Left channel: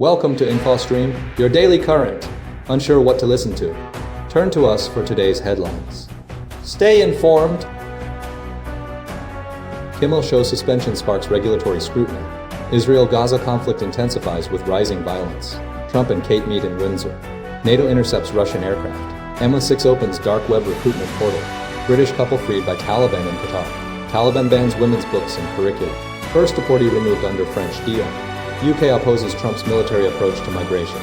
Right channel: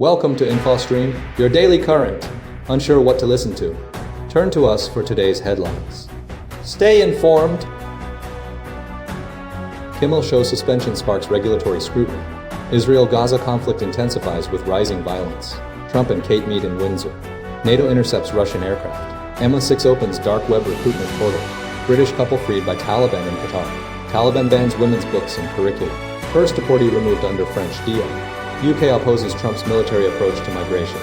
Welcome to InfoStream, your daily current. Unsure what to listen to? Turn to us for today's headlines. Stay informed. Kimmel show suspension sparks regulatory scrutiny. Israel-Gaza conflict intensifies with rising violence. Trump and Kate meet in Windsor. NATO intercepts Russian aircraft. MI6 opens dark web recruitment portal. British couple freed by Taliban in Qatar. Taliban bans women's books and curriculum. First deportee removed under French deal. UK opposes Trump's military approach to migration.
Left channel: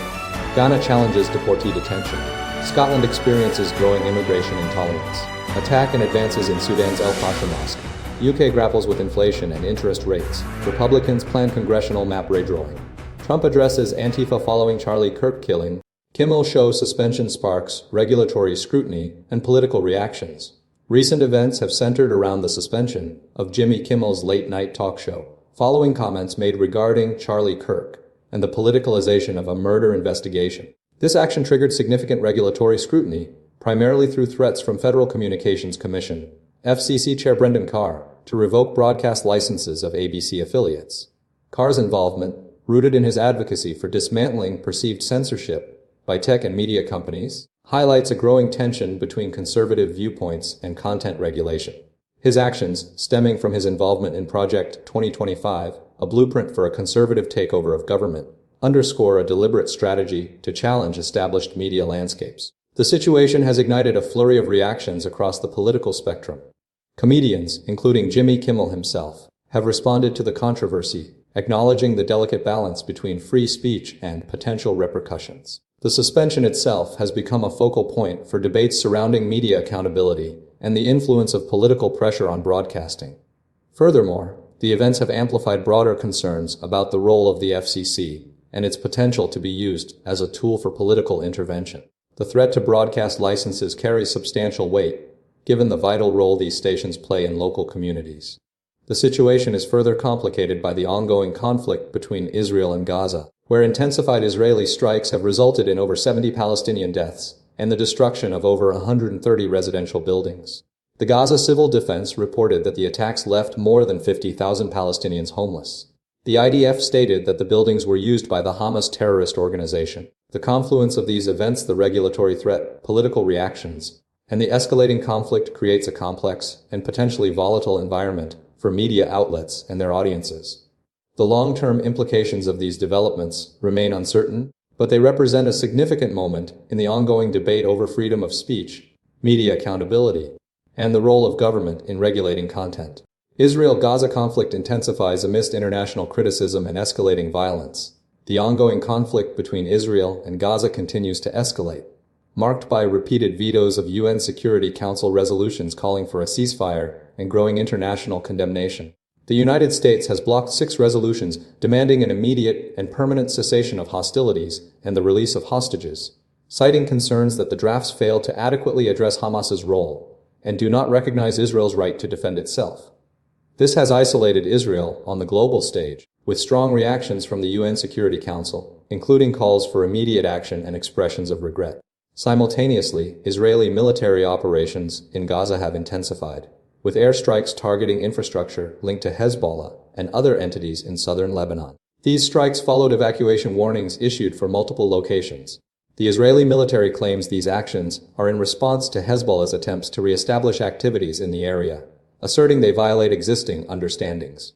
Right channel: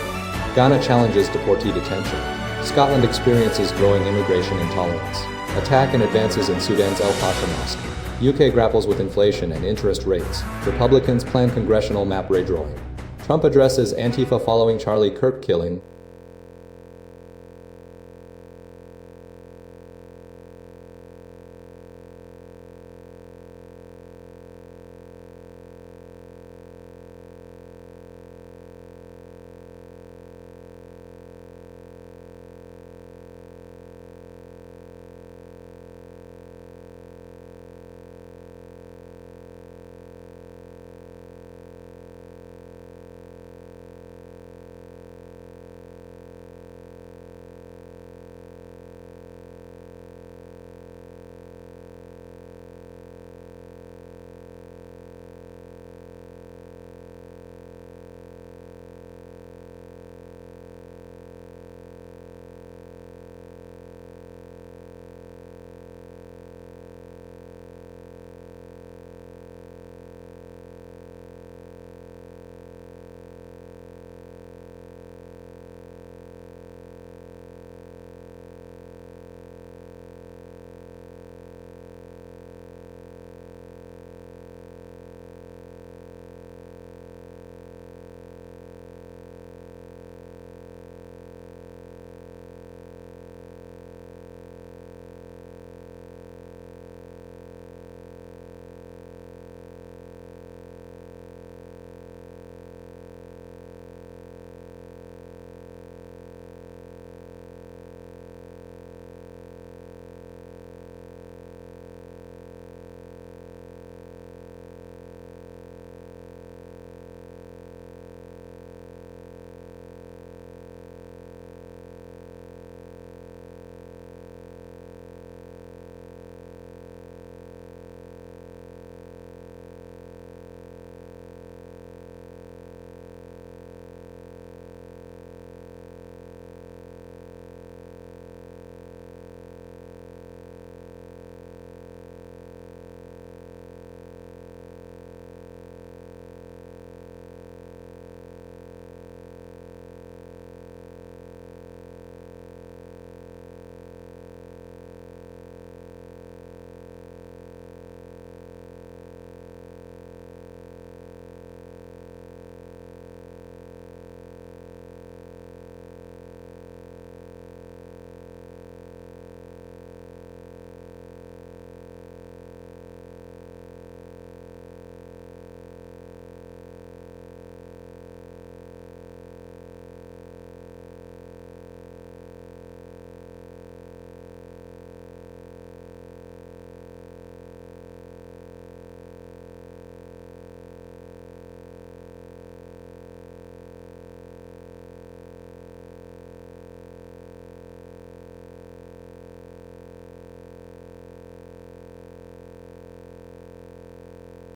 Ghana challenges deportee detention. Scotland experiences growing immigration intolerance. Attack and advances in Sudan's El-Fasher Mosque. UK grapples with inflation and interest rates. Republicans plan congressional map redrawing. Trump addresses Antifa following Charlie Kirk killing. Kimmel show suspension sparks regulatory scrutiny and political reactions. Recent events have centered around the suspension of Jimmy Kimmel's late-night talk show, following comments made regarding Charlie Kirk and the politicalization of a murder investigation. This action triggered significant regulatory scrutiny, primarily through threats from Federal Communications Commission, FCC Chair Brendan Carr, to revoke broadcast licenses of ABC affiliates. Carr's involvement, rooted in his advocacy for dismantling perceived censorship by tech and media companies, highlights a growing tension between conservative viewpoints and content regulation. His actions, stemming from his involvement in Project 2025, a blueprint for a conservative takeover of government, underscore a deliberate strategy to challenge established media landscapes. The situation has ignited a flurry of reactions across the political spectrum. Comedians, including Jimmy Kimmel himself, have responded to the controversy, acknowledging the delicate balance between free speech and potential repercussions. The suspension itself has become a focal point for debates surrounding media accountability and the influence of political pressure on broadcasting. Furthermore, the events have amplified broader concerns about the role of the FCC and its potential to be used as a tool for political intervention. The threat to broadcast licenses carries substantial weight, given the vital role these stations play in local communities. The situation is further complicated by the ongoing conflict between Israel and Gaza, where intensified Israeli strikes have resulted in over 70 Palestinian deaths and the destruction of over 130 residential buildings. The Gaza Civil Defense reported that the attacks left more than 50,000 Palestinians homeless. The IDF stated that the buildings were used by the Hamas terrorist organization. The confluence of these events, the regulatory threat, political reactions, and the escalating conflict creates a complex and potentially volatile environment for media outlets and their audiences. The long-term implications of these developments remain uncertain, but they represent a significant moment in the ongoing debate over freedom of speech, media accountability, and the role of government in regulating content. Israel-Gaza conflict intensifies amidst international criticism and escalating violence. The ongoing conflict between Israel and Gaza continues to escalate, marked by repeated vetoes of UN Security Council resolutions calling for a ceasefire and growing international condemnation. The United States has blocked 6 resolutions demanding an immediate and permanent cessation of hostilities and the release of hostages, citing concerns that the drafts fail to adequately address Hamas's role and do not recognize Israel's right to defend itself. This has isolated Israel on the global stage, with strong reactions from the UN Security Council, including calls for immediate action and expressions of regret. Simultaneously, Israeli military operations in Gaza have intensified, with airstrikes targeting infrastructure linked to Hezbollah and other entities in southern Lebanon. These strikes followed evacuation warnings issued for multiple locations. The Israeli military claims these actions are in response to Hezbollah's attempts to reestablish activities in the area, asserting they violate existing understandings.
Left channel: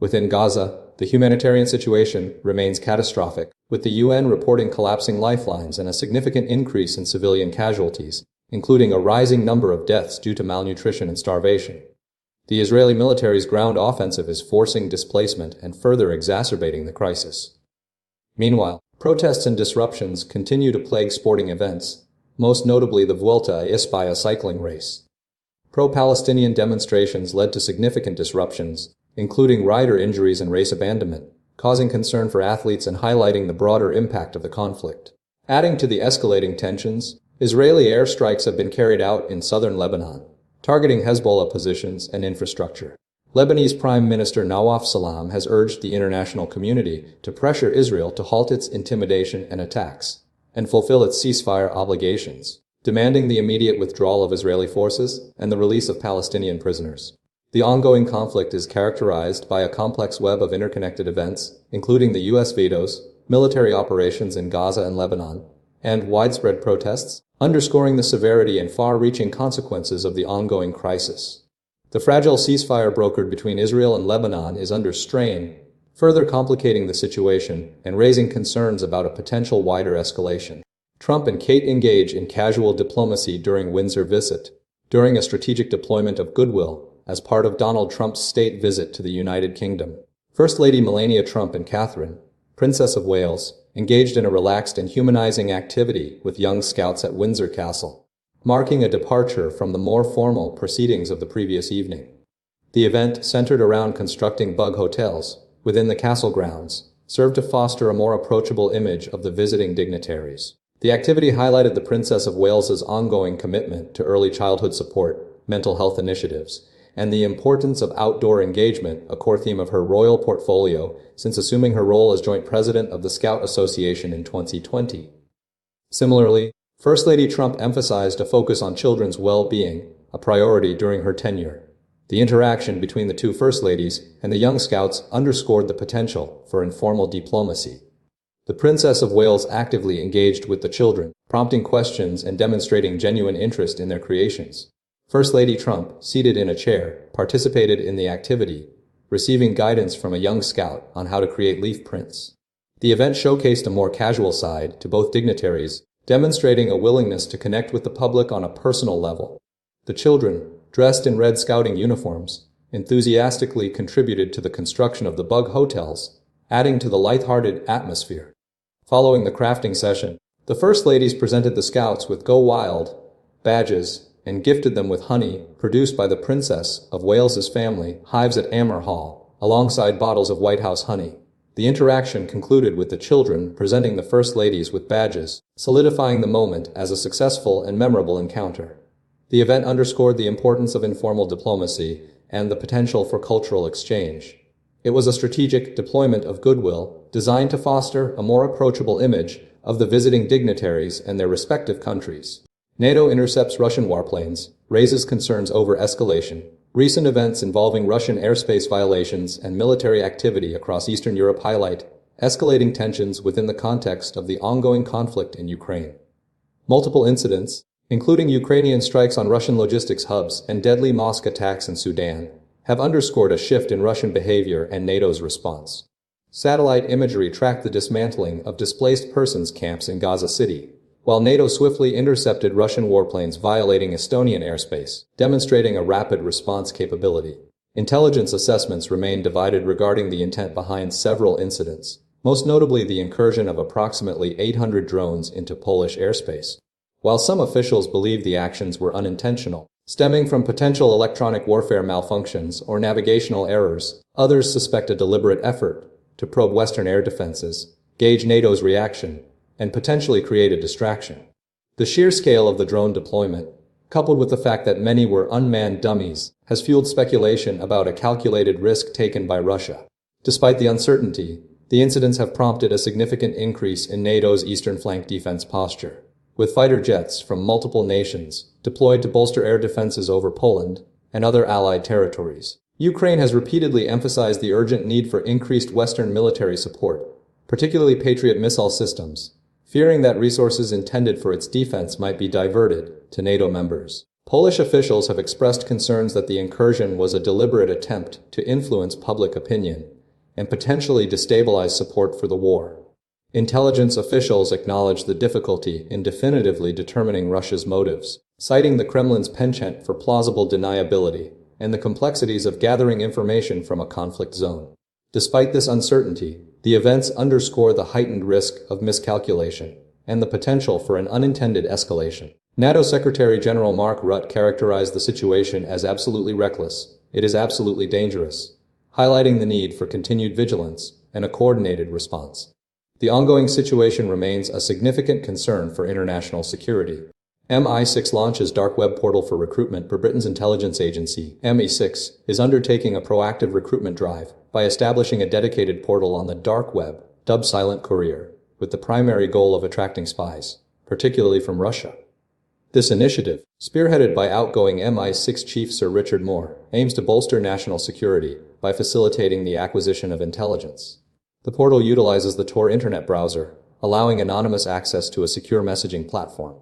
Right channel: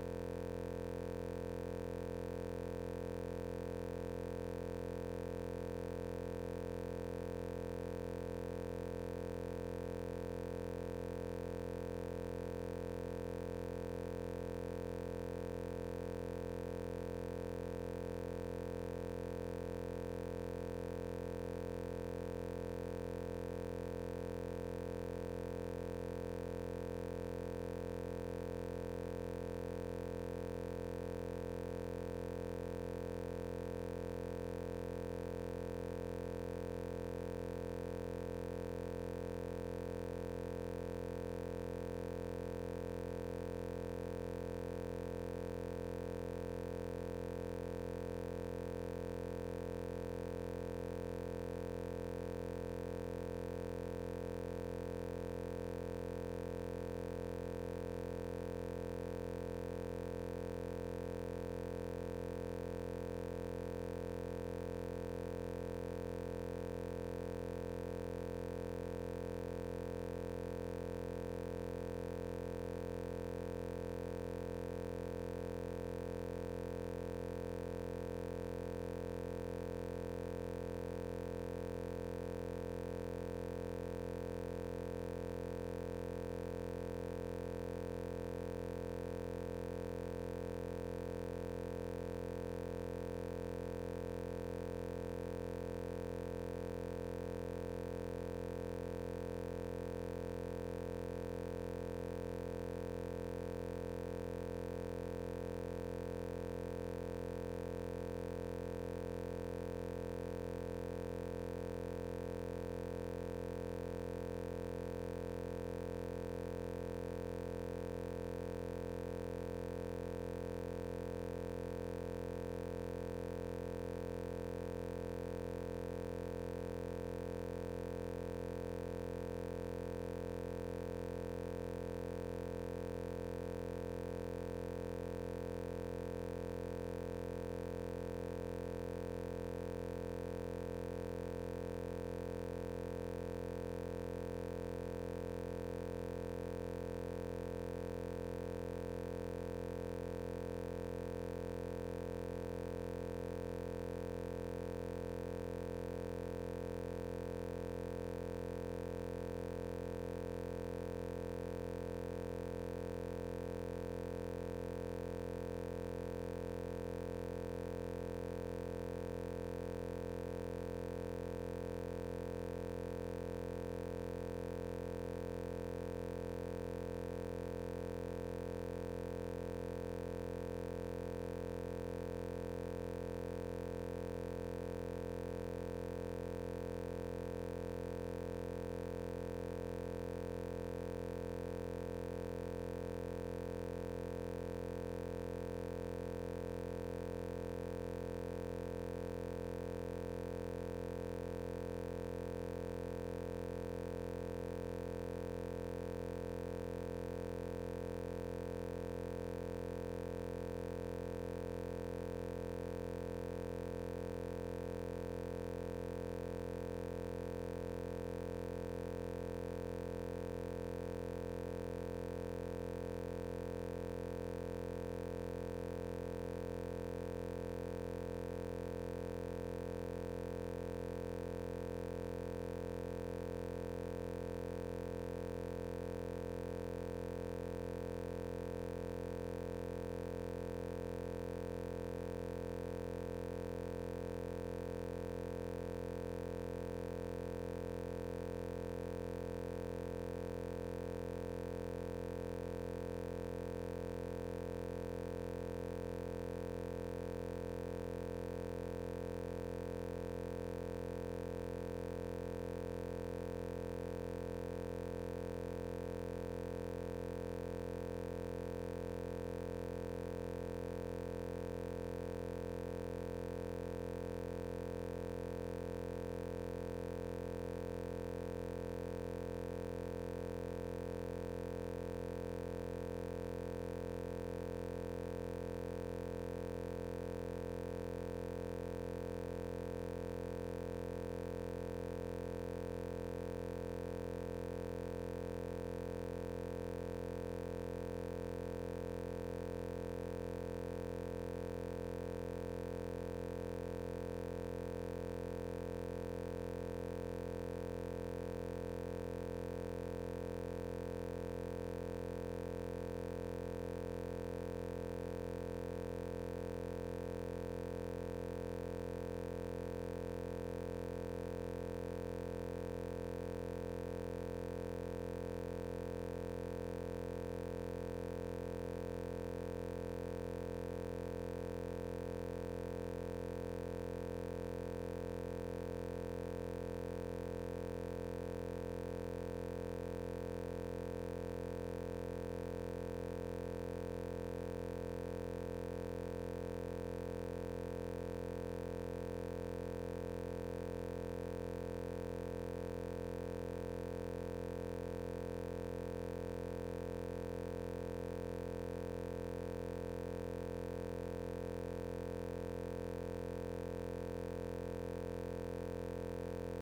Within Gaza, the humanitarian situation remains catastrophic, with the UN reporting collapsing lifelines and a significant increase in civilian casualties, including a rising number of deaths due to malnutrition and starvation. The Israeli military's ground offensive is forcing displacement and further exacerbating the crisis. Meanwhile, protests and disruptions continue to plague sporting events, most notably the Vuelta a España cycling race. Pro-Palestinian demonstrations led to significant disruptions, including rider injuries and race abandonment, causing concern for athletes and highlighting the broader impact of the conflict. Adding to the escalating tensions, Israeli airstrikes have been carried out in southern Lebanon, targeting Hezbollah positions and infrastructure. Lebanese Prime Minister Nawaf Salam has urged the international community to pressure Israel to halt its intimidation and attacks, and fulfill its ceasefire obligations, demanding the immediate withdrawal of Israeli forces and the release of Palestinian prisoners. The ongoing conflict is characterized by a complex web of interconnected events, including the U.S. vetoes, military operations in Gaza and Lebanon, and widespread protests, underscoring the severity and far-reaching consequences of the ongoing crisis. The fragile ceasefire brokered between Israel and Lebanon is under strain, further complicating the situation and raising concerns about a potential wider escalation. Trump and Kate engage in casual diplomacy during Windsor visit, during a strategic deployment of goodwill as part of Donald Trump's state visit to the United Kingdom. First Lady Melania Trump and Catherine, Princess of Wales, engaged in a relaxed and humanizing activity with young scouts at Windsor Castle, marking a departure from the more formal proceedings of the previous evening. The event, centered around constructing bug hotels within the castle grounds, served to foster a more approachable image of the visiting dignitaries. The activity highlighted the Princess of Wales's ongoing commitment to early childhood support, mental health initiatives, and the importance of outdoor engagement, a core theme of her royal portfolio since assuming her role as joint president of the Scout Association in 2020. Similarly, First Lady Trump emphasized a focus on children's well-being, a priority during her tenure. The interaction between the two First Ladies and the young scouts underscored the potential for informal diplomacy. The Princess of Wales actively engaged with the children, prompting questions and demonstrating genuine interest in their creations. First Lady Trump, seated in a chair, participated in the activity, receiving guidance from a young scout on how to create leaf prints. The event showcased a more casual side to both dignitaries, demonstrating a willingness to connect with the public on a personal level. The children, dressed in red scouting uniforms, enthusiastically contributed to the construction of the bug hotels, adding to the lighthearted atmosphere. Following the crafting session, the First Ladies presented the scouts with Go Wild badges and gifted them with honey produced by the Princess of Wales's family hives at Amer Hall, alongside bottles of White House honey. The interaction concluded with the children presenting the First Ladies with badges, solidifying the moment as a successful and memorable encounter. The event underscored the importance of informal diplomacy and the potential for cultural exchange. It was a strategic deployment of goodwill designed to foster a more approachable image of the visiting dignitaries and their respective countries. NATO intercepts Russian warplanes, raises concerns over escalation. Recent events involving Russian airspace violations and military activity across Eastern Europe highlight escalating tensions within the context of the ongoing conflict in Ukraine. Multiple incidents, including Ukrainian strikes on Russian logistics hubs and deadly mosque attacks in Sudan, have underscored a shift in Russian behavior and NATO's response. Satellite imagery tracked the dismantling of displaced persons camps in Gaza City, while NATO swiftly intercepted Russian warplanes violating Estonian airspace, demonstrating a rapid response capability. Intelligence assessments remain divided regarding the intent behind several incidents, most notably the incursion of approximately 800 drones into Polish airspace. While some officials believe the actions were unintentional, stemming from potential electronic warfare malfunctions or navigational errors, others suspect a deliberate effort to probe Western air defenses, gauge NATO's reaction, and potentially create a distraction. The sheer scale of the drone deployment, coupled with the fact that many were unmanned dummies, has fueled speculation about a calculated risk taken by Russia. Despite the uncertainty, the incidents have prompted a significant increase in NATO's eastern flank defense posture, with fighter jets from multiple nations deployed to bolster air defenses over Poland and other allied territories. Ukraine has repeatedly emphasized the urgent need for increased Western military support, particularly Patriot missile systems, fearing that resources intended for its defense might be diverted to NATO members. Polish officials have expressed concerns that the incursion was a deliberate attempt to influence public opinion and potentially destabilize support for the war. Intelligence officials acknowledge the difficulty in definitively determining Russia's motives, citing the Kremlin's penchant for plausible deniability and the complexities of gathering information from a conflict zone. Despite this uncertainty, the events underscore the heightened risk of miscalculation and the potential for an unintended escalation. NATO Secretary General Mark Rutte characterized the situation as absolutely reckless. It is absolutely dangerous, highlighting the need for continued vigilance and a coordinated response. The ongoing situation remains a significant concern for international security. MI6 launches dark web portal for recruitment. Britain's intelligence agency, MI6, is undertaking a proactive recruitment drive by establishing a dedicated portal on the dark web, dubbed Silent Courier, with the primary goal of attracting spies, particularly from Russia. This initiative, spearheaded by outgoing MI6 Chief Sir Richard Moore, aims to bolster national security by facilitating the acquisition of intelligence. The portal utilizes the Tor internet browser, allowing anonymous access to a secure messaging platform.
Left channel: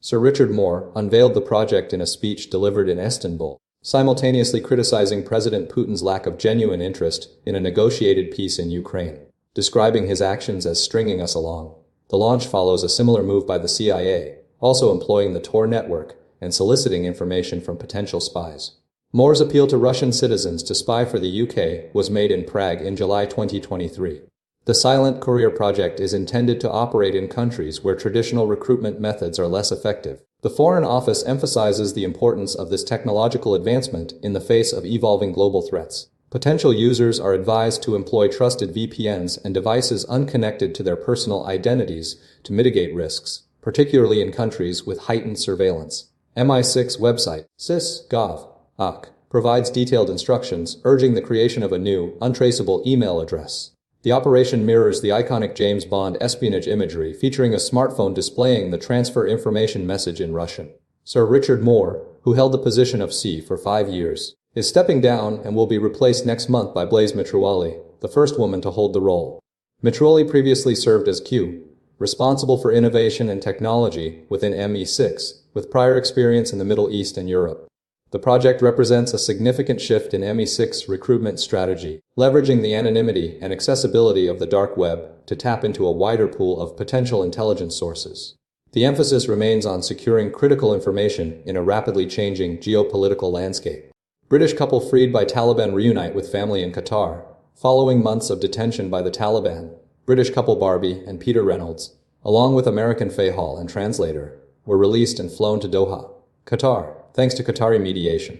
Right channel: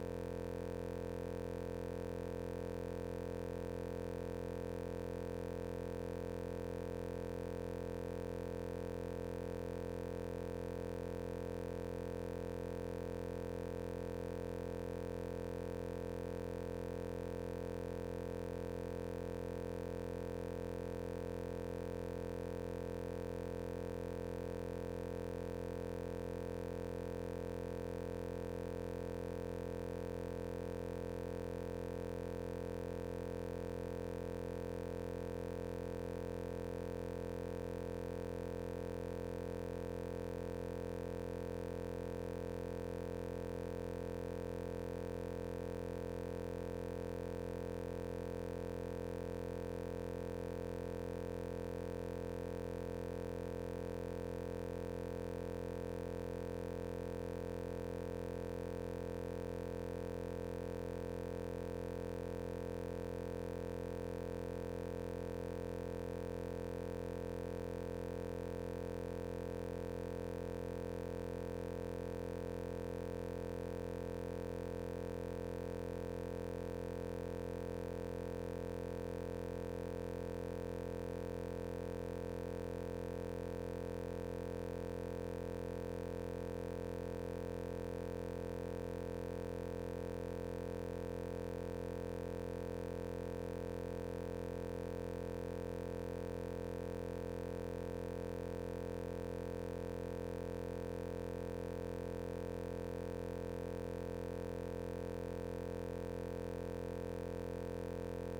Sir Richard Moore unveiled the project in a speech delivered in Istanbul, simultaneously criticizing President Putin's lack of genuine interest in a negotiated peace in Ukraine, describing his actions as stringing us along. The launch follows a similar move by the CIA, also employing the Tor network and soliciting information from potential spies. Moore's appeal to Russian citizens to spy for the UK was made in Prague in July 2023. The Silent Courier project is intended to operate in countries where traditional recruitment methods are less effective. The Foreign Office emphasizes the importance of this technological advancement in the face of evolving global threats. Potential users are advised to employ trusted VPNs and devices unconnected to their personal identities to mitigate risks, particularly in countries with heightened surveillance. MI6 website, cis.gov.uk, provides detailed instructions urging the creation of a new, untraceable email address. The operation mirrors the iconic James Bond espionage imagery featuring a smartphone displaying the transfer information message in Russian. Sir Richard Moore, who held the position of C for 5 years, is stepping down and will be replaced next month by Blaise Mitrowali, the first woman to hold the role. Mitrowali previously served as Q, responsible for innovation and technology within ME6, with prior experience in the Middle East and Europe. The project represents a significant shift in ME6 recruitment strategy, leveraging the anonymity and accessibility of the dark web to tap into a wider pool of potential intelligence sources. The emphasis remains on securing critical information in a rapidly changing geopolitical landscape. British couple freed by Taliban reunite with family in Qatar. Following months of detention by the Taliban, British couple Barbie and Peter Reynolds, along with American Faye Hall and translator, were released and flown to Doha, Qatar, thanks to Qatari mediation.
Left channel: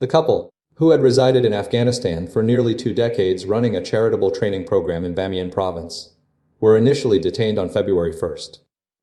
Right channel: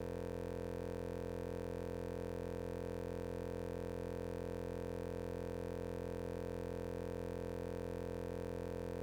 The couple, who had resided in Afghanistan for nearly 2 decades running a charitable training program in Bamiyan province, were initially detained on February 1st.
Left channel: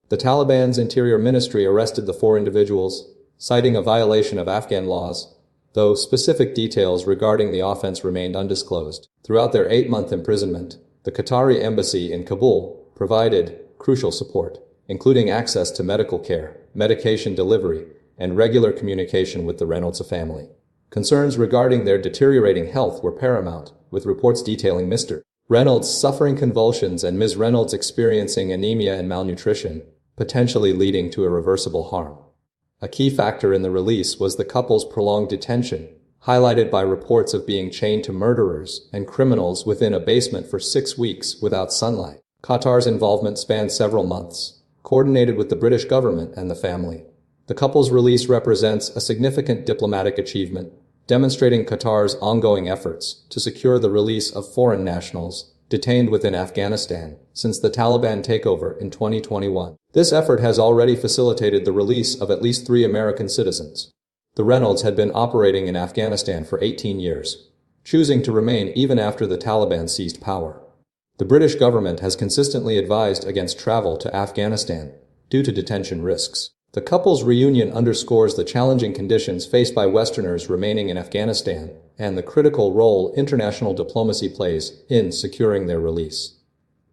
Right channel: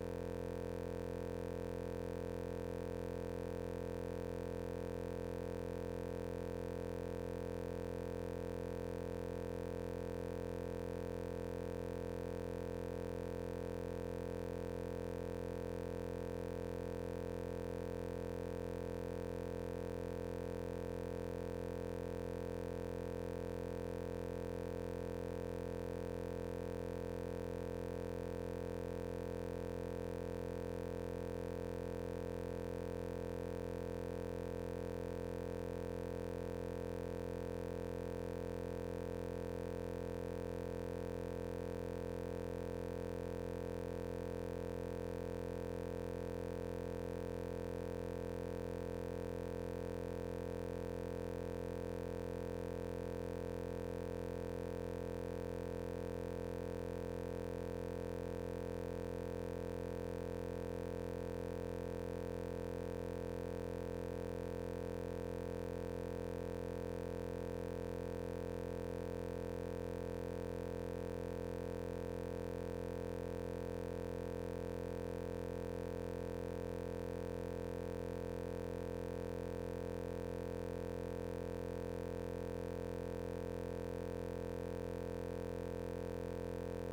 The Taliban's Interior Ministry arrested the 4 individuals, citing a violation of Afghan laws, though specific details regarding the offense remained undisclosed. Throughout their 8-month imprisonment, the Qatari embassy in Kabul provided crucial support, including access to medical care, medication delivery, and regular communication with the Reynolds family. Concerns regarding their deteriorating health were paramount, with reports detailing Mr. Reynolds suffering convulsions and Ms. Reynolds experiencing anemia and malnutrition, potentially leading to irreversible harm. A key factor in the release was the couple's prolonged detention, highlighted by reports of being chained to murderers and criminals within a basement for 6 weeks without sunlight. Qatar's involvement spanned several months, coordinated with the British government and the family. The couple's release represents a significant diplomatic achievement, demonstrating Qatar's ongoing efforts to secure the release of foreign nationals detained within Afghanistan since the Taliban takeover in 2021. This effort has already facilitated the release of at least 3 American citizens. The Reynolds had been operating in Afghanistan for 18 years, choosing to remain even after the Taliban seized power. The British government has consistently advised against travel to Afghanistan due to detention risks. The couple's reunion underscores the challenging conditions faced by Westerners remaining in Afghanistan and the critical role international diplomacy plays in securing their release.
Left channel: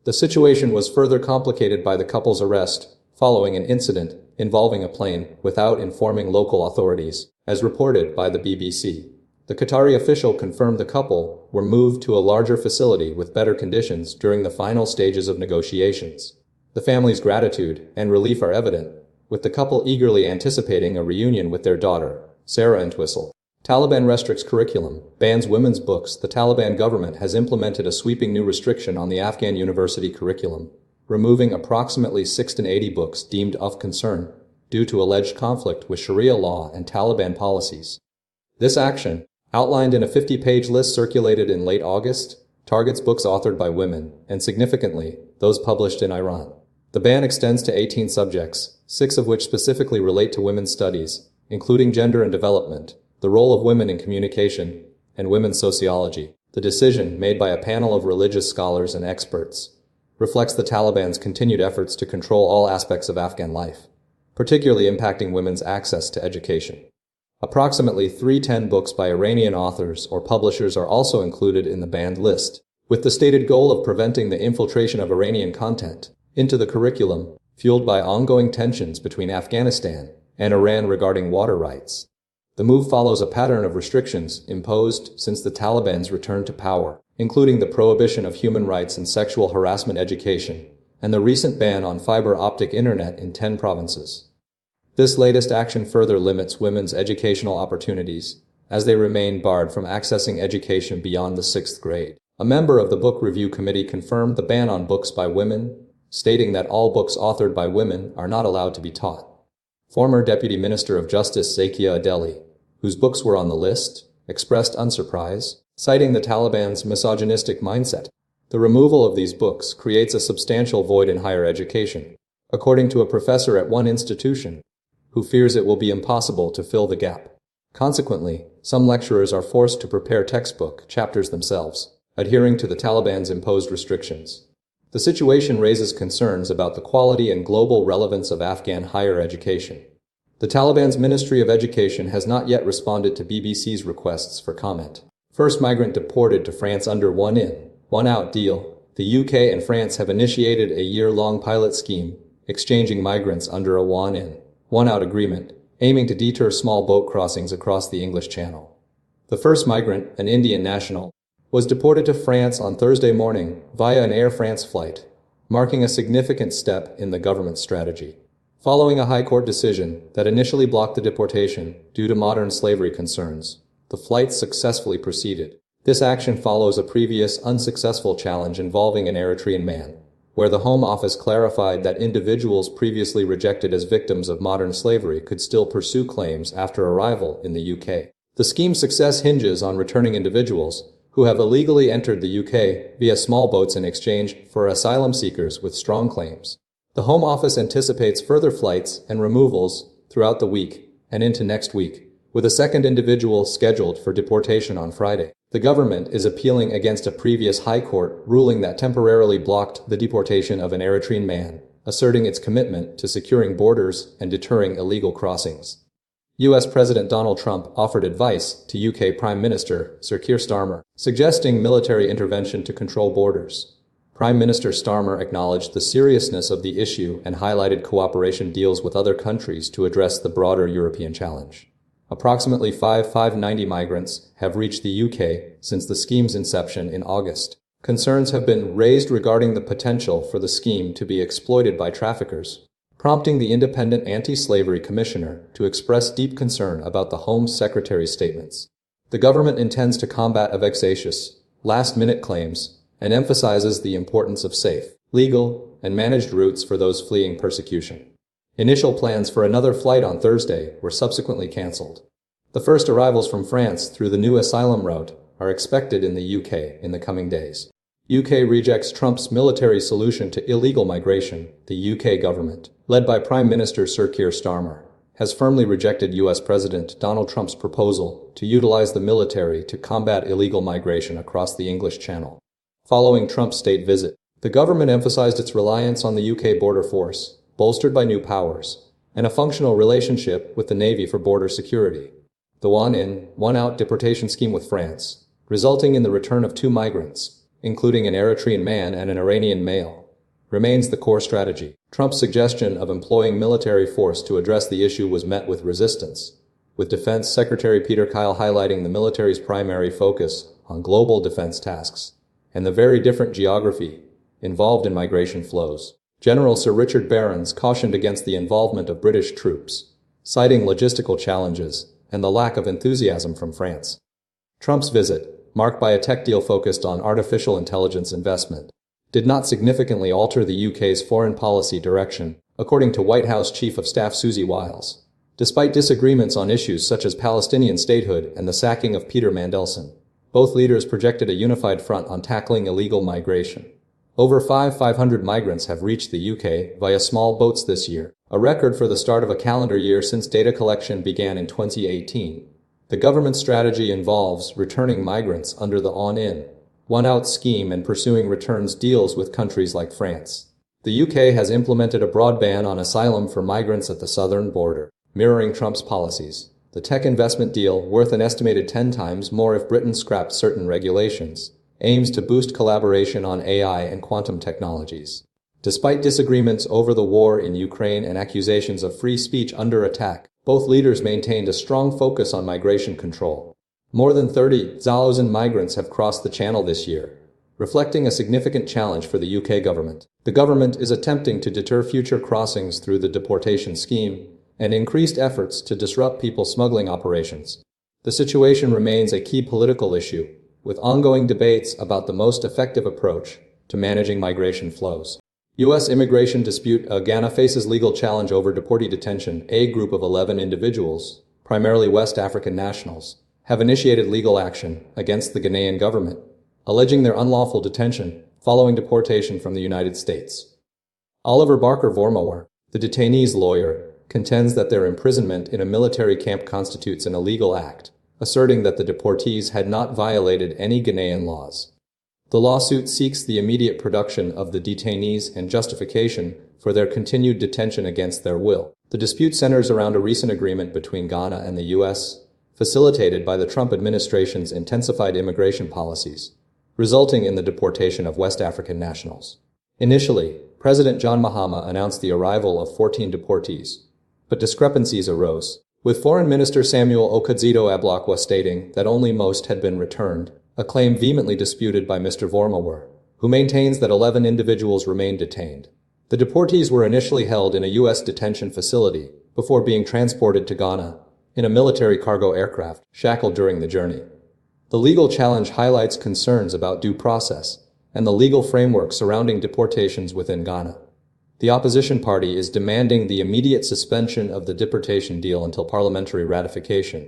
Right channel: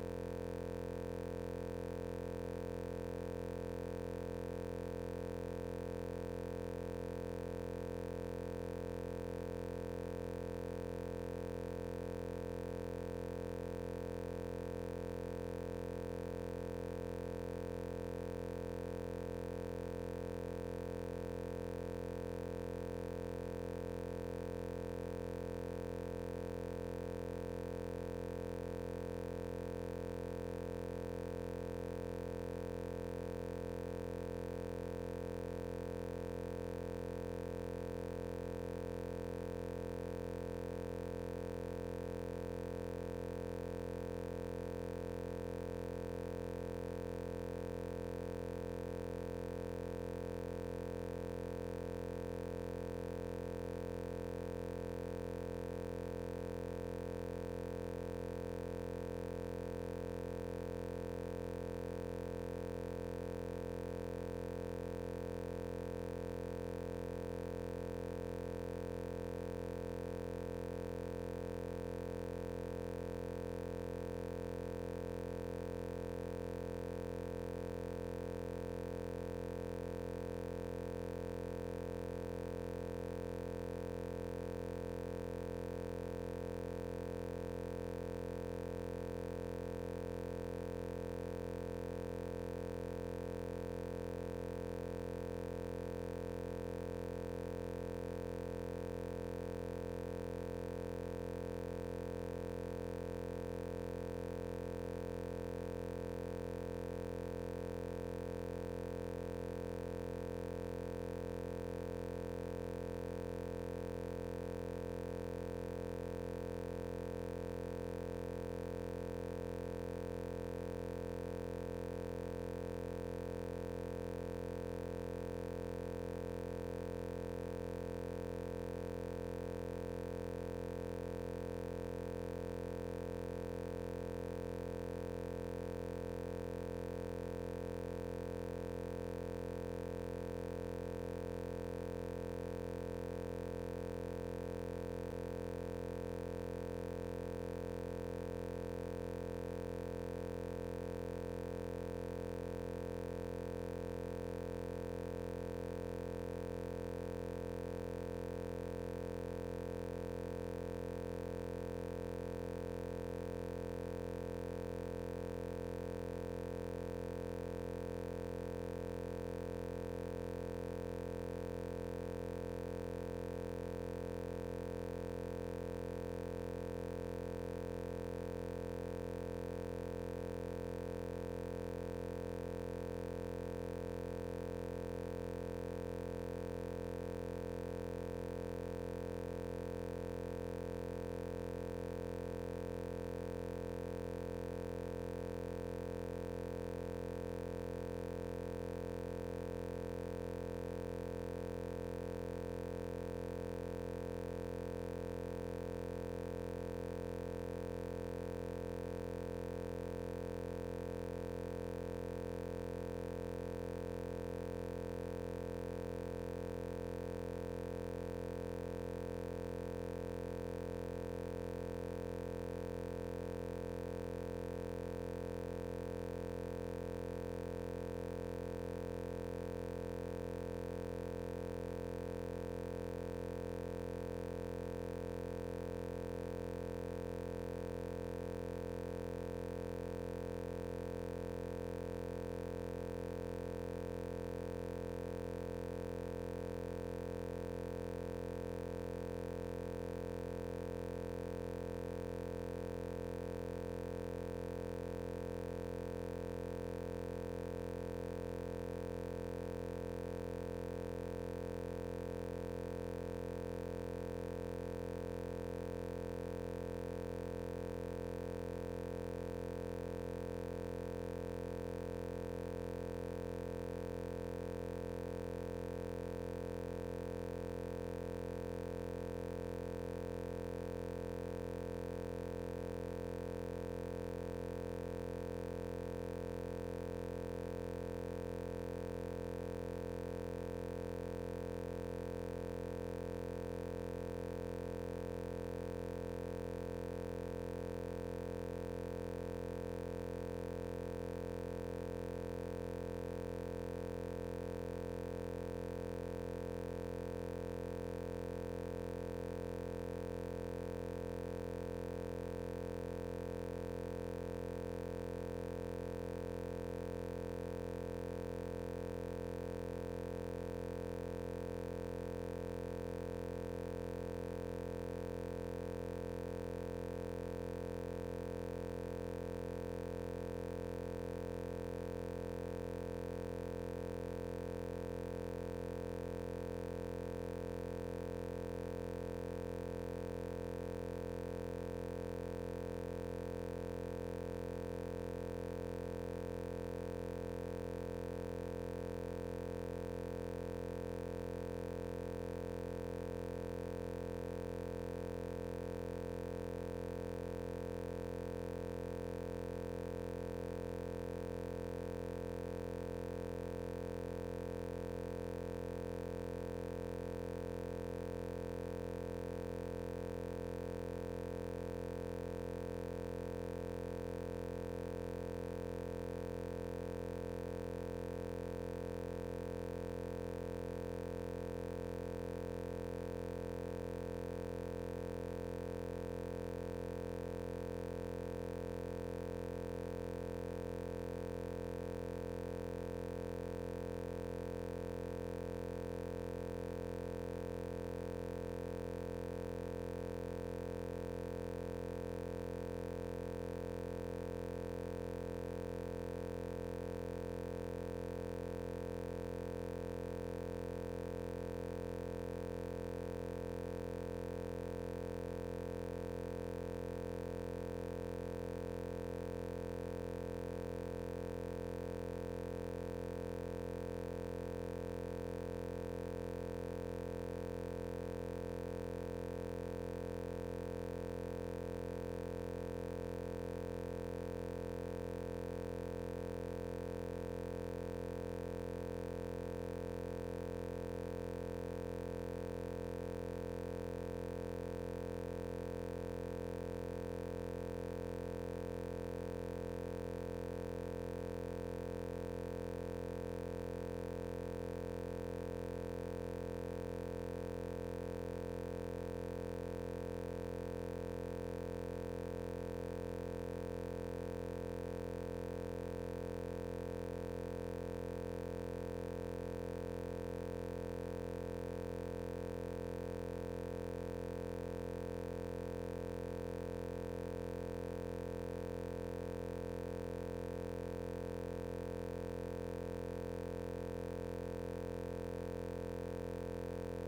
The situation was further complicated by the couple's arrest following an incident involving a plane without informing local authorities, as reported by the BBC. The Qatari official confirmed the couple were moved to a larger facility with better conditions during the final stages of negotiations. The family's gratitude and relief are evident, with the couple eagerly anticipating a reunion with their daughter, Sarah Entwistle. Taliban restricts curriculum, bans women's books. The Taliban government has implemented a sweeping new restriction on the Afghan university curriculum, removing approximately 680 books deemed of concern due to alleged conflict with Sharia law and Taliban policies. This action, outlined in a 50-page list circulated in late August, targets books authored by women, and significantly, those published in Iran. The ban extends to 18 subjects, 6 of which specifically relate to women's studies, including gender and development, the role of women in communication, and women's sociology. The decision, made by a panel of religious scholars and experts, reflects the Taliban's continued efforts to control all aspects of Afghan life, particularly impacting women's access to education. Approximately 310 books by Iranian authors or publishers are also included in the banned list, with the stated goal of preventing the infiltration of Iranian content into the curriculum, fueled by ongoing tensions between Afghanistan and Iran regarding water rights. The move follows a pattern of restrictions imposed since the Taliban's return to power, including the prohibition of human rights and sexual harassment education, and the recent ban on fiber optic internet in 10 provinces. This latest action further limits women's educational opportunities, as they remain barred from accessing education beyond the 6th grade. A member of the Book Review Committee confirmed the ban on books by women, stating that all books authored by women are not allowed to be taught. Former Deputy Minister of Justice Zakia Adeli, whose books were on the list, expressed unsurprise, citing the Taliban's misogynistic mindset. The removal of these books creates a substantial void in higher education, according to a professor at one institution, who fears it will be impossible to fill the gap. Consequently, some lecturers are forced to prepare textbook chapters themselves, adhering to the Taliban's imposed restrictions. The situation raises concerns about the quality and global relevance of Afghan higher education. The Taliban's Ministry of Education has not yet responded to BBC's requests for comment. First migrant deported to France under one in, one out deal. The UK and France have initiated a year-long pilot scheme, exchanging migrants under a one in, one out agreement, aiming to deter small boat crossings across the English Channel. The first migrant, an Indian national, was deported to France on Thursday morning via an Air France flight, marking a significant step in the government's strategy. Following a High Court decision that initially blocked the deportation due to modern slavery concerns, the flight successfully proceeded. This action follows a previous unsuccessful challenge involving an Eritrean man, where the Home Office clarified that individuals previously rejected as victims of modern slavery could still pursue claims after arrival in the UK. The scheme's success hinges on returning individuals who have illegally entered the UK via small boats in exchange for asylum seekers with strong claims. The Home Office anticipates further flights and removals throughout the week and into next week, with a second individual scheduled for deportation on Friday. The government is appealing against a previous High Court ruling that temporarily blocked the deportation of an Eritrean man, asserting its commitment to securing borders and deterring illegal crossings. U.S. President Donald Trump offered advice to UK Prime Minister Sir Keir Starmer, suggesting military intervention to control borders. Prime Minister Starmer acknowledged the seriousness of the issue and highlighted cooperation deals with other countries to address the broader European challenge. Approximately 590 migrants have reached the UK since the scheme's inception in August. Concerns have been raised regarding the potential for the scheme to be exploited by traffickers, prompting the independent anti-slavery commissioner to express deep concern about the Home Secretary's statements. The government intends to combat vexatious, last-minute claims and emphasizes the importance of safe, legal, and managed routes for those fleeing persecution. Initial plans for another flight on Thursday were subsequently cancelled. The first arrivals from France through the new asylum route are expected in the UK in the coming days. UK rejects Trump's military solution to illegal migration. The UK government, led by Prime Minister Sir Keir Starmer, has firmly rejected US President Donald Trump's proposal to utilize the military to combat illegal migration across the English Channel. Following Trump's state visit, the government emphasized its reliance on the UK border force, bolstered by new powers, and a functional relationship with the Navy for border security. The one-in, one-out deportation scheme with France, resulting in the return of 2 migrants, including an Eritrean man and an Iranian male, remains the core strategy. Trump's suggestion of employing military force to address the issue was met with resistance, with Defense Secretary Peter Kyle highlighting the military's primary focus on global defense tasks and the very different geography involved in migration flows. General Sir Richard Barons cautioned against the involvement of British troops, citing logistical challenges and the lack of enthusiasm from France. Trump's visit, marked by a tech deal focused on artificial intelligence investment, did not significantly alter the UK's foreign policy direction, according to White House Chief of Staff Susie Wiles, despite disagreements on issues such as Palestinian statehood and the sacking of Peter Mandelson. Both leaders projected a unified front on tackling illegal migration. Over 500 migrants have reached the UK via small boats this year, a record for the start of a calendar year since data collection began in 2018. The government strategy involves returning migrants under the on-in, one-out scheme and pursuing returns deals with countries like France. The UK has implemented a broad ban on asylum for migrants at the southern border, mirroring Trump's policies. The tech investment deal, worth an estimated 10 times more if Britain scrapped certain regulations, aims to boost collaboration on AI and quantum technologies. Despite disagreements over the war in Ukraine and accusations of free speech under attack, both leaders maintained a strong focus on migration control. More than 30,000 migrants have crossed the channel this year, reflecting a significant challenge for the UK government. The government is attempting to deter future crossings through the deportation scheme and increased efforts to disrupt people smuggling operations. The situation remains a key political issue, with ongoing debates about the most effective approach to managing migration flows. U.S. immigration dispute Ghana faces legal challenge over deportee detention. A group of 11 individuals, primarily West African nationals, have initiated legal action against the Ghanaian government, alleging their unlawful detention following deportation from the United States. Oliver Barker-Vormawor, the detainees' lawyer, contends that their imprisonment in a military camp constitutes an illegal act, asserting that the deportees had not violated any Ghanaian laws. The lawsuit seeks the immediate production of the detainees and justification for their continued detention against their will. The dispute centers around a recent agreement between Ghana and the U.S., facilitated by the Trump administration's intensified immigration policies, resulting in the deportation of West African nationals. Initially, President John Mahama announced the arrival of 14 deportees, but discrepancies arose, with Foreign Minister Samuel Okudzeto-Ablakwa stating that only most had been returned, a claim vehemently disputed by Mr. Vormawor, who maintains that 11 individuals remain detained. The deportees were initially held in a U.S. detention facility before being transported to Ghana in a military cargo aircraft, shackled during the journey. The legal challenge highlights concerns about due process and the legal framework surrounding deportations within Ghana. The opposition party is demanding the immediate suspension of the deportation deal until parliamentary ratification,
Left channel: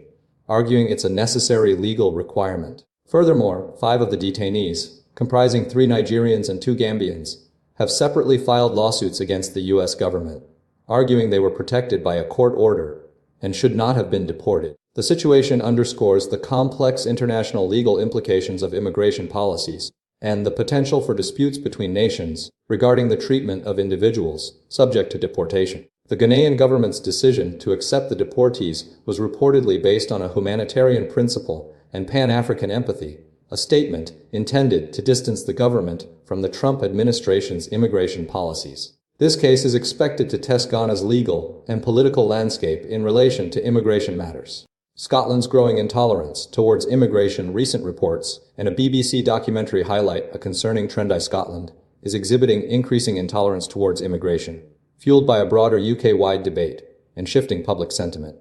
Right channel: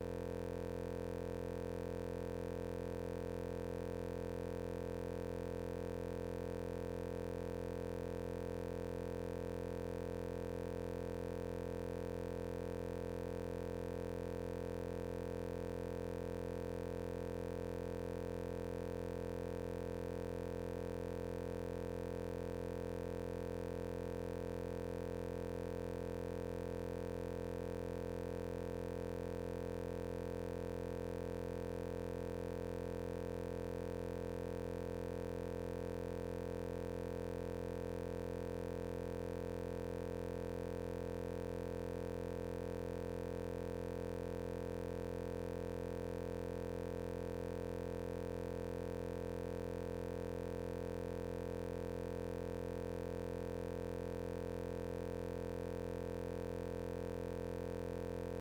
arguing it's a necessary legal requirement. Furthermore, 5 of the detainees, comprising 3 Nigerians and 2 Gambians, have separately filed lawsuits against the U.S. government, arguing they were protected by a court order and should not have been deported. The situation underscores the complex international legal implications of immigration policies and the potential for disputes between nations regarding the treatment of individuals subject to deportation. The Ghanaian government's decision to accept the deportees was reportedly based on a humanitarian principle and Pan-African empathy, a statement intended to distance the government from the Trump administration's immigration policies. This case is expected to test Ghana's legal and political landscape in relation to immigration matters. Scotland's growing intolerance towards immigration. Recent reports and a BBC documentary highlight a concerning trend. Scotland is exhibiting increasing intolerance towards immigration, fueled by a broader UK-wide debate and shifting public sentiment.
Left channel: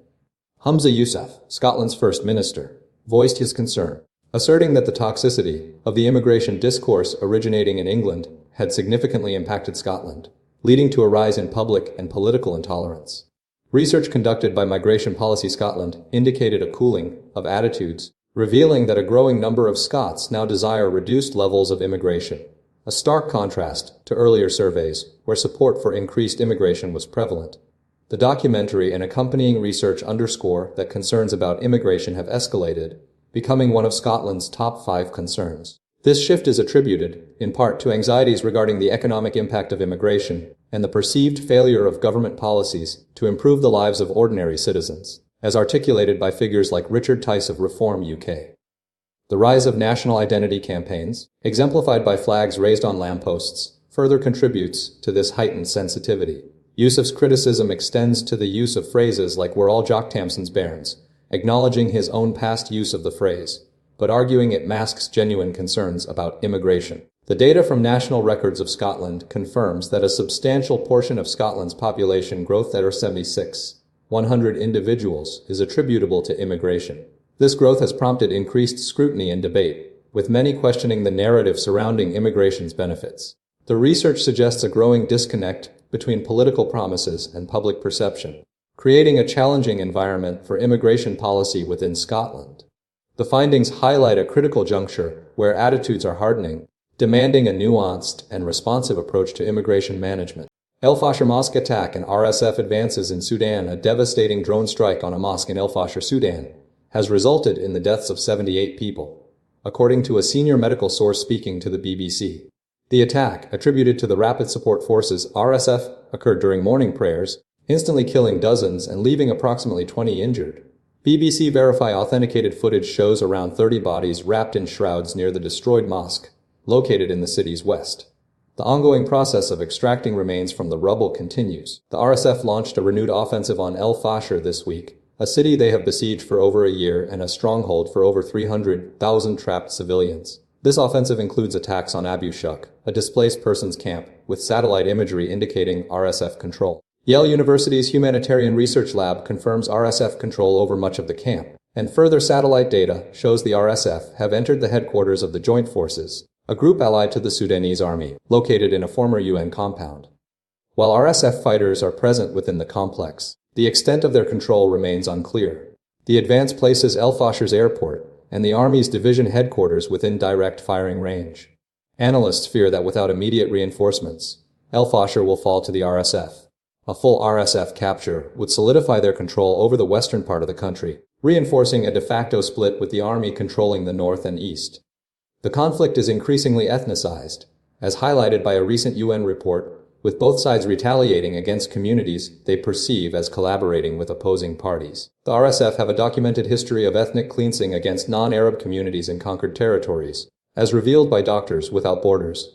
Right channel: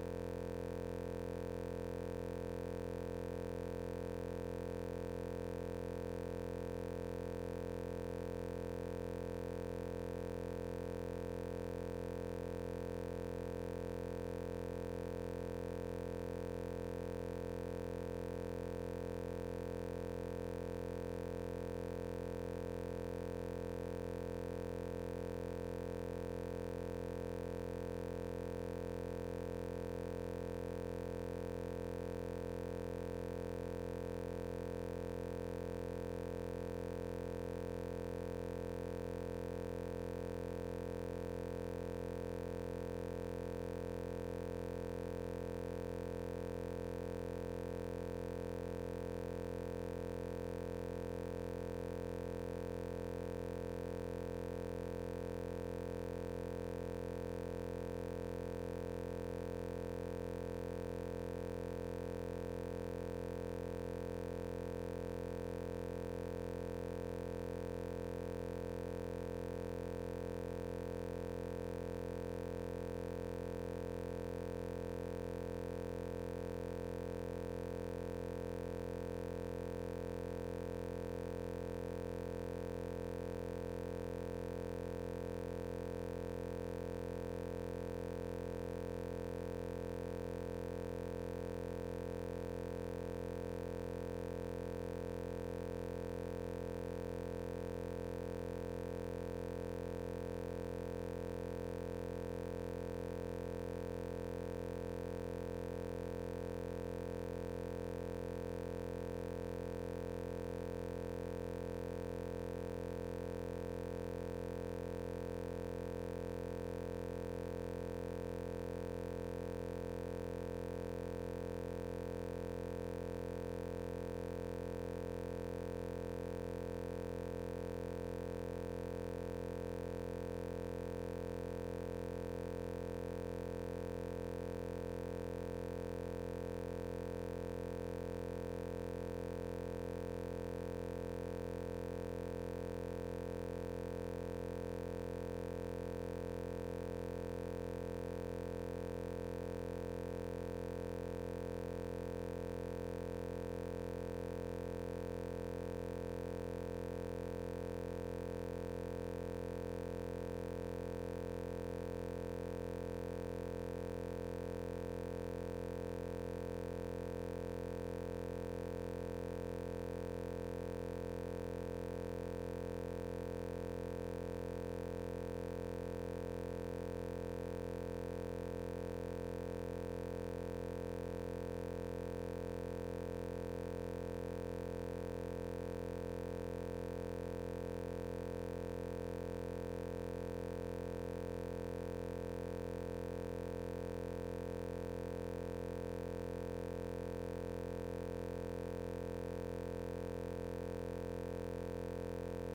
Humza Yousaf, Scotland's First Minister, voiced his concern, asserting that the toxicity of the immigration discourse originating in England had significantly impacted Scotland, leading to a rise in public and political intolerance. Research conducted by Migration Policy Scotland indicated a cooling of attitudes, revealing that a growing number of Scots now desire reduced levels of immigration, a stark contrast to earlier surveys where support for increased immigration was prevalent. The documentary and accompanying research underscore that concerns about immigration have escalated, becoming one of Scotland's top 5 concerns. This shift is attributed, in part, to anxieties regarding the economic impact of immigration and the perceived failure of government policies to improve the lives of ordinary citizens, as articulated by figures like Richard Tice of Reform UK. The rise of national identity campaigns, exemplified by flags raised on lampposts, further contributes to this heightened sensitivity. Yousaf's criticism extends to the use of phrases like "we're all Jock Tamson's bairns," acknowledging his own past use of the phrase, but arguing it masks genuine concerns about immigration. The data from National Records of Scotland confirms that a substantial portion of Scotland's population growth, that are 100 individuals, is attributable to immigration. This growth has prompted increased scrutiny and debate, with many questioning the narrative surrounding immigration's benefits. The research suggests a growing disconnect between political promises and public perception, creating a challenging environment for immigration policy within Scotland. The findings highlight a critical juncture where attitudes are hardening, demanding a nuanced and responsive approach to immigration management. El-Fasher mosque attack and RSF advances in Sudan. A devastating drone strike on a mosque in El-Fasher, Sudan, has resulted in the deaths of 78 people, according to a senior medical source speaking to the BBC. The attack, attributed to the Rapid Support Forces (RSF), occurred during morning prayers, instantly killing dozens and leaving approximately 20 injured. BBC Verify authenticated footage shows around 30 bodies wrapped in shrouds near the destroyed mosque, located in the city's west. The ongoing process of extracting remains from the rubble continues. The RSF launched a renewed offensive on El-Fasher this week, a city they have besieged for over a year and a stronghold for over 300,000 trapped civilians. This offensive includes attacks on Abu Shuk, a displaced persons camp, with satellite imagery indicating RSF control. Yale University's Humanitarian Research Lab confirms RSF control over much of the camp, and further satellite data shows the RSF have entered the headquarters of the Joint Forces, a group allied to the Sudanese army, located in a former UN compound. While RSF fighters are present within the complex, the extent of their control remains unclear. The advance places El-Fasher's airport and the Army's division headquarters within direct firing range. Analysts fear that without immediate reinforcements, El-Fasher will fall to the RSF. A full RSF capture would solidify their control over the western part of the country, reinforcing a de facto split with the Army controlling the north and east. The conflict is increasingly ethnicized, as highlighted by a recent UN report, with both sides retaliating against communities they perceive as collaborating with opposing parties. The RSF have a documented history of ethnic cleansing against non-Arab communities in conquered territories, as revealed by Doctors Without Borders,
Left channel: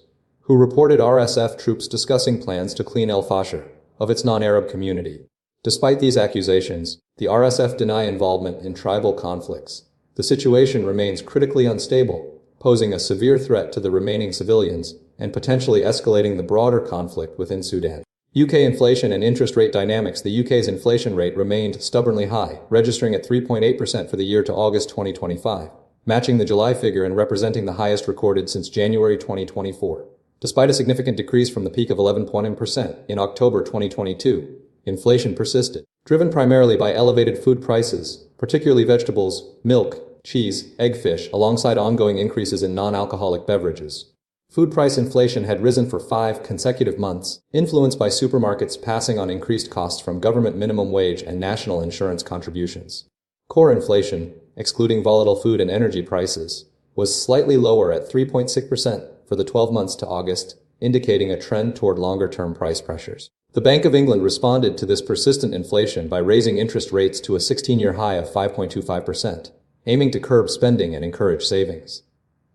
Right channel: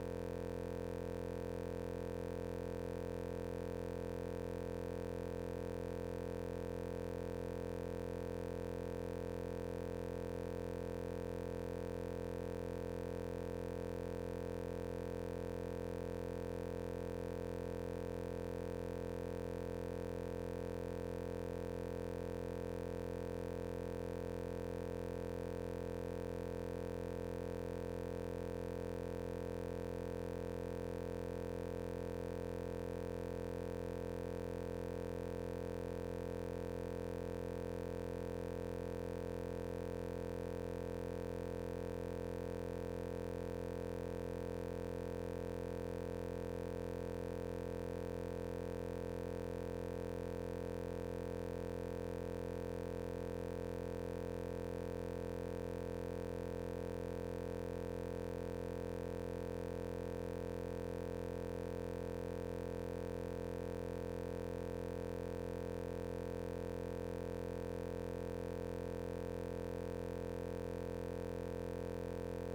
who reported RSF troops discussing plans to clean El-Fasher of its non-Arab community. Despite these accusations, the RSF deny involvement in tribal conflicts. The situation remains critically unstable, posing a severe threat to the remaining civilians and potentially escalating the broader conflict within Sudan. UK inflation and interest rate dynamics. The UK's inflation rate remained stubbornly high, registering at 3.8% for the year to August 2025, matching the July figure and representing the highest recorded since January 2024. Despite a significant decrease from the peak of 11% in October 2022, inflation persisted, driven primarily by elevated food prices, particularly vegetables, milk, cheese, eggfish, alongside ongoing increases in non-alcoholic beverages. Food price inflation had risen for 5 consecutive months, influenced by supermarkets passing on increased costs from government minimum wage and national insurance contributions. Core inflation, excluding volatile food and energy prices, was slightly lower at 3.6% for the 12 months to August, indicating a trend toward longer-term price pressures. The Bank of England responded to this persistent inflation by raising interest rates to a 16-year high of 5.25%, aiming to curb spending and encourage savings.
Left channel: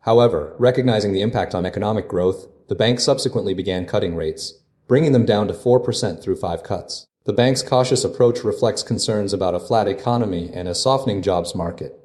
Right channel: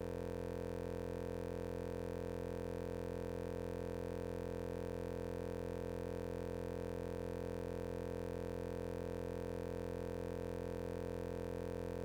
However, recognizing the impact on economic growth, the bank subsequently began cutting rates, bringing them down to 4% through 5 cuts. The bank's cautious approach reflects concerns about a flat economy and a softening jobs market.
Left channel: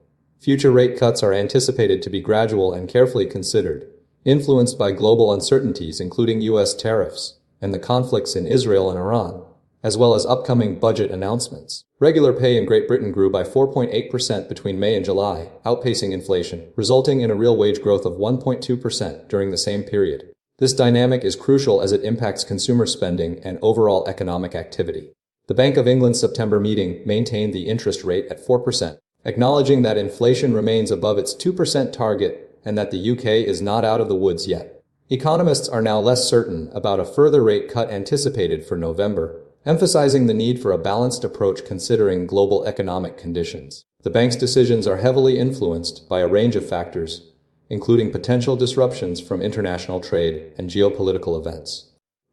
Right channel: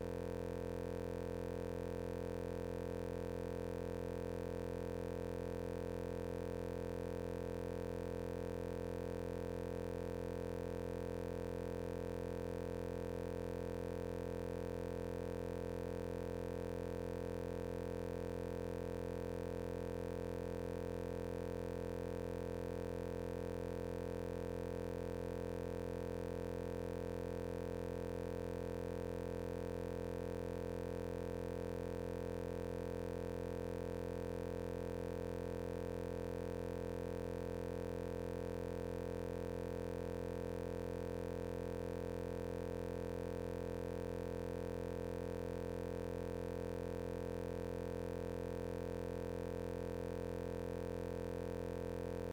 Future rate cuts are anticipated to be gradual and carefully considered, influenced by global uncertainties including U.S. tariffs and the conflicts in Israel and Iran, as well as upcoming budget announcements. Regular pay in Great Britain grew by 4.8% between May and July, outpacing inflation, resulting in a real wage growth of 1.2% during the same period. This dynamic is crucial as it impacts consumer spending and overall economic activity. The Bank of England's September meeting maintained the interest rate at 4%, acknowledging that inflation remains above its 2% target and that the UK is not out of the woods yet. Economists are now less certain about a further rate cut anticipated for November, emphasizing the need for a balanced approach considering global economic conditions. The bank's decisions are heavily influenced by a range of factors, including potential disruptions from international trade and geopolitical events.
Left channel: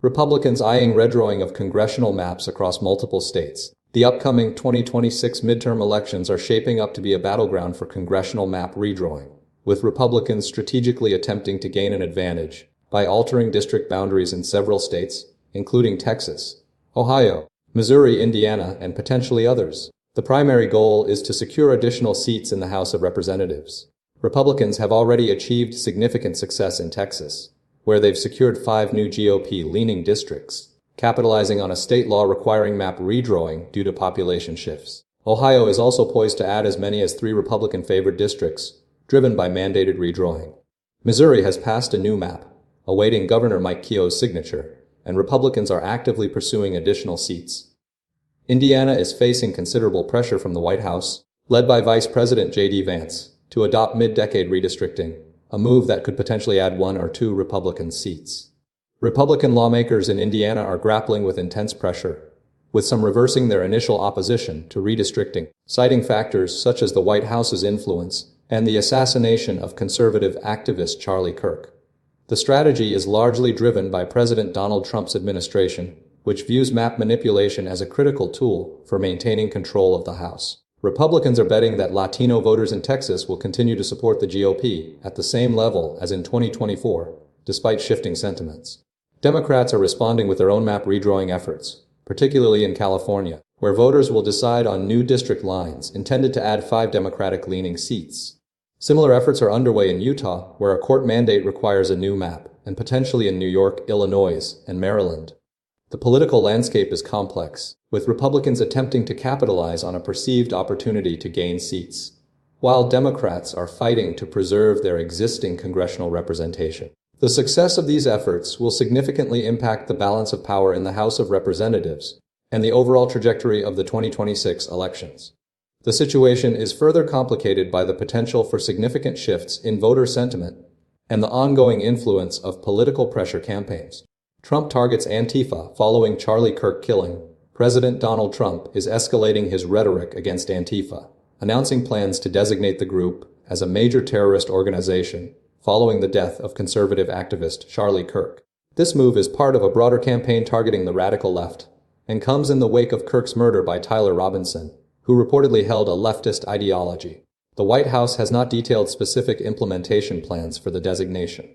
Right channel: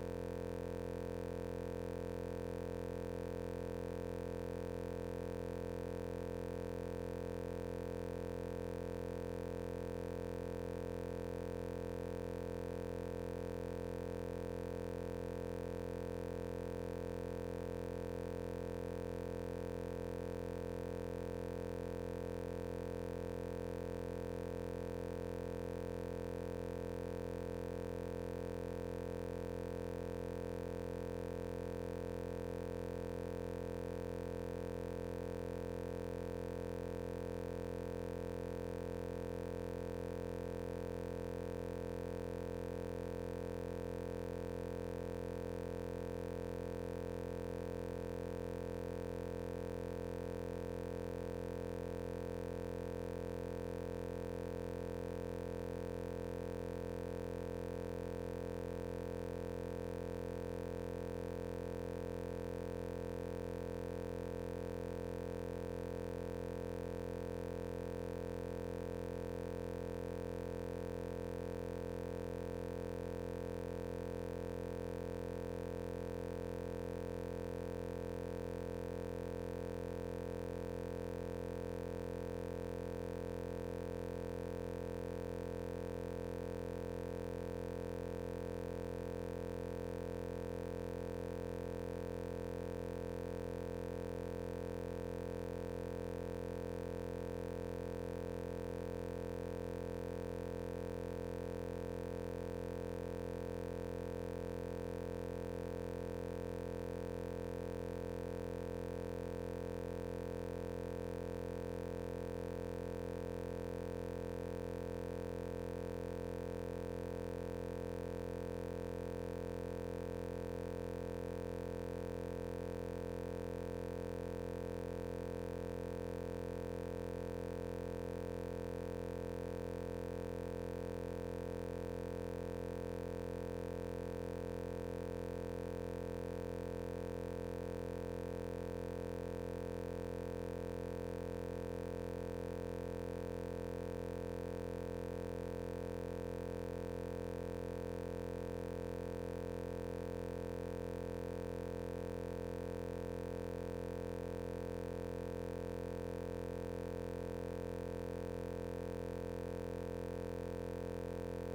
Republicans eyeing redrawing of congressional maps across multiple states. The upcoming 2026 midterm elections are shaping up to be a battleground for congressional map redrawing, with Republicans strategically attempting to gain an advantage by altering district boundaries in several states, including Texas, Ohio, Missouri, Indiana, and potentially others. The primary goal is to secure additional seats in the House of Representatives. Republicans have already achieved significant success in Texas, where they've secured 5 new GOP-leaning districts, capitalizing on a state law requiring map redrawing due to population shifts. Ohio is also poised to add as many as 3 Republican-favored districts, driven by mandated redrawing. Missouri has passed a new map, awaiting Governor Mike Keogh's signature, and Republicans are actively pursuing additional seats. Indiana is facing considerable pressure from the White House, led by Vice President J.D. Vance, to adopt mid-decade redistricting, a move that could potentially add 1 or 2 Republican seats. Republican lawmakers in Indiana are grappling with intense pressure, with some reversing their initial opposition to redistricting, citing factors such as the White House's influence and the assassination of conservative activist Charlie Kirk. The strategy is largely driven by President Donald Trump's administration, which views map manipulation as a critical tool for maintaining control of the House. Republicans are betting that Latino voters in Texas will continue to support the GOP at the same level as in 2024, despite shifting sentiments. Democrats are responding with their own map redrawing efforts, particularly in California, where voters will decide on new district lines intended to add 5 Democratic-leaning seats. Similar efforts are underway in Utah, where a court mandate requires a new map, and potentially in New York, Illinois, and Maryland. The political landscape is complex, with Republicans attempting to capitalize on a perceived opportunity to gain seats, while Democrats are fighting to preserve their existing congressional representation. The success of these efforts will significantly impact the balance of power in the House of Representatives and the overall trajectory of the 2026 elections. The situation is further complicated by the potential for significant shifts in voter sentiment and the ongoing influence of political pressure campaigns. Trump targets Antifa following Charlie Kirk killing. President Donald Trump is escalating his rhetoric against Antifa, announcing plans to designate the group as a major terrorist organization following the death of conservative activist Charlie Kirk. This move is part of a broader campaign targeting the radical left and comes in the wake of Kirk's murder by Tyler Robinson, who reportedly held a leftist ideology. The White House has not detailed specific implementation plans for the designation.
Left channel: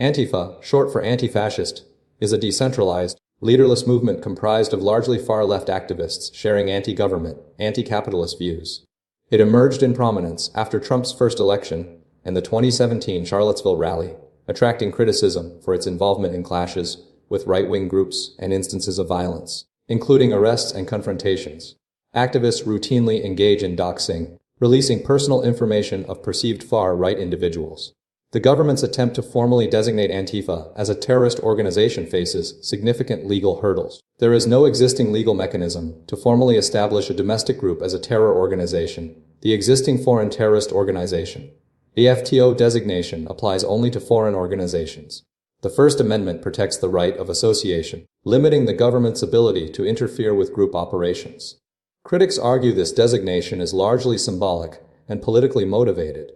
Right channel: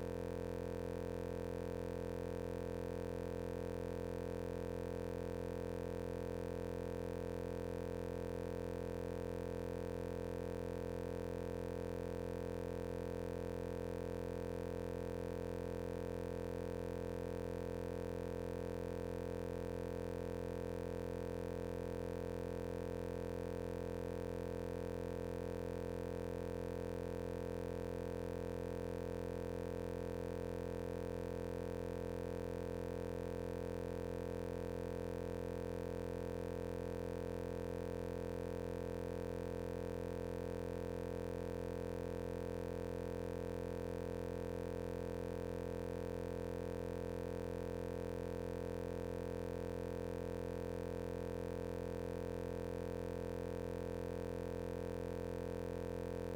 Antifa, short for anti-fascist, is a decentralized, leaderless movement comprised of largely far-left activists sharing anti-government, anti-capitalist views. It emerged in prominence after Trump's first election and the 2017 Charlottesville rally, attracting criticism for its involvement in clashes with right-wing groups and instances of violence, including arrests and confrontations. Activists routinely engage in doxing, releasing personal information of perceived far-right individuals. The government's attempt to formally designate Antifa as a terrorist organization faces significant legal hurdles. There is no existing legal mechanism to formally establish a domestic group as a terror organization, the existing foreign terrorist organization. The FTO designation applies only to foreign organizations. The First Amendment protects the right of association, limiting the government's ability to interfere with group operations. Critics argue this designation is largely symbolic and politically motivated.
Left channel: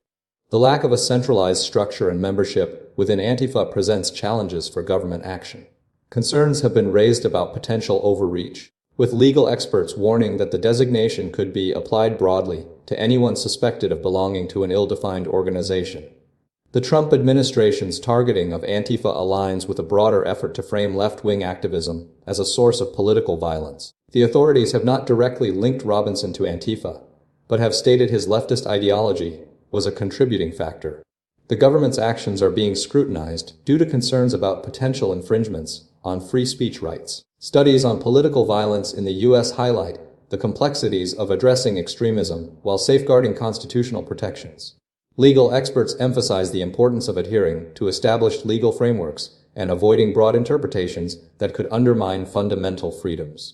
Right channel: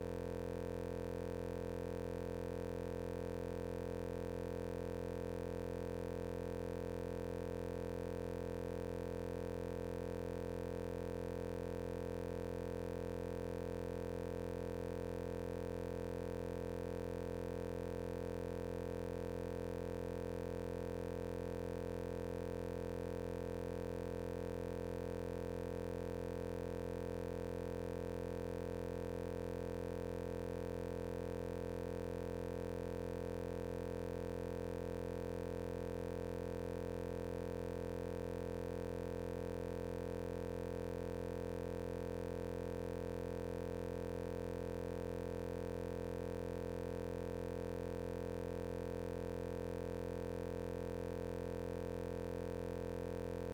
The lack of a centralized structure and membership within Antifa presents challenges for government action. Concerns have been raised about potential overreach, with legal experts warning that the designation could be applied broadly to anyone suspected of belonging to an ill-defined organization. The Trump administration's targeting of Antifa aligns with a broader effort to frame left-wing activism as a source of political violence. The authorities have not directly linked Robinson to Antifa, but have stated his leftist ideology was a contributing factor. The government's actions are being scrutinized due to concerns about potential infringements on free speech rights. Studies on political violence in the U.S. highlight the complexities of addressing extremism while safeguarding constitutional protections. Legal experts emphasize the importance of adhering to established legal frameworks and avoiding broad interpretations that could undermine fundamental freedoms.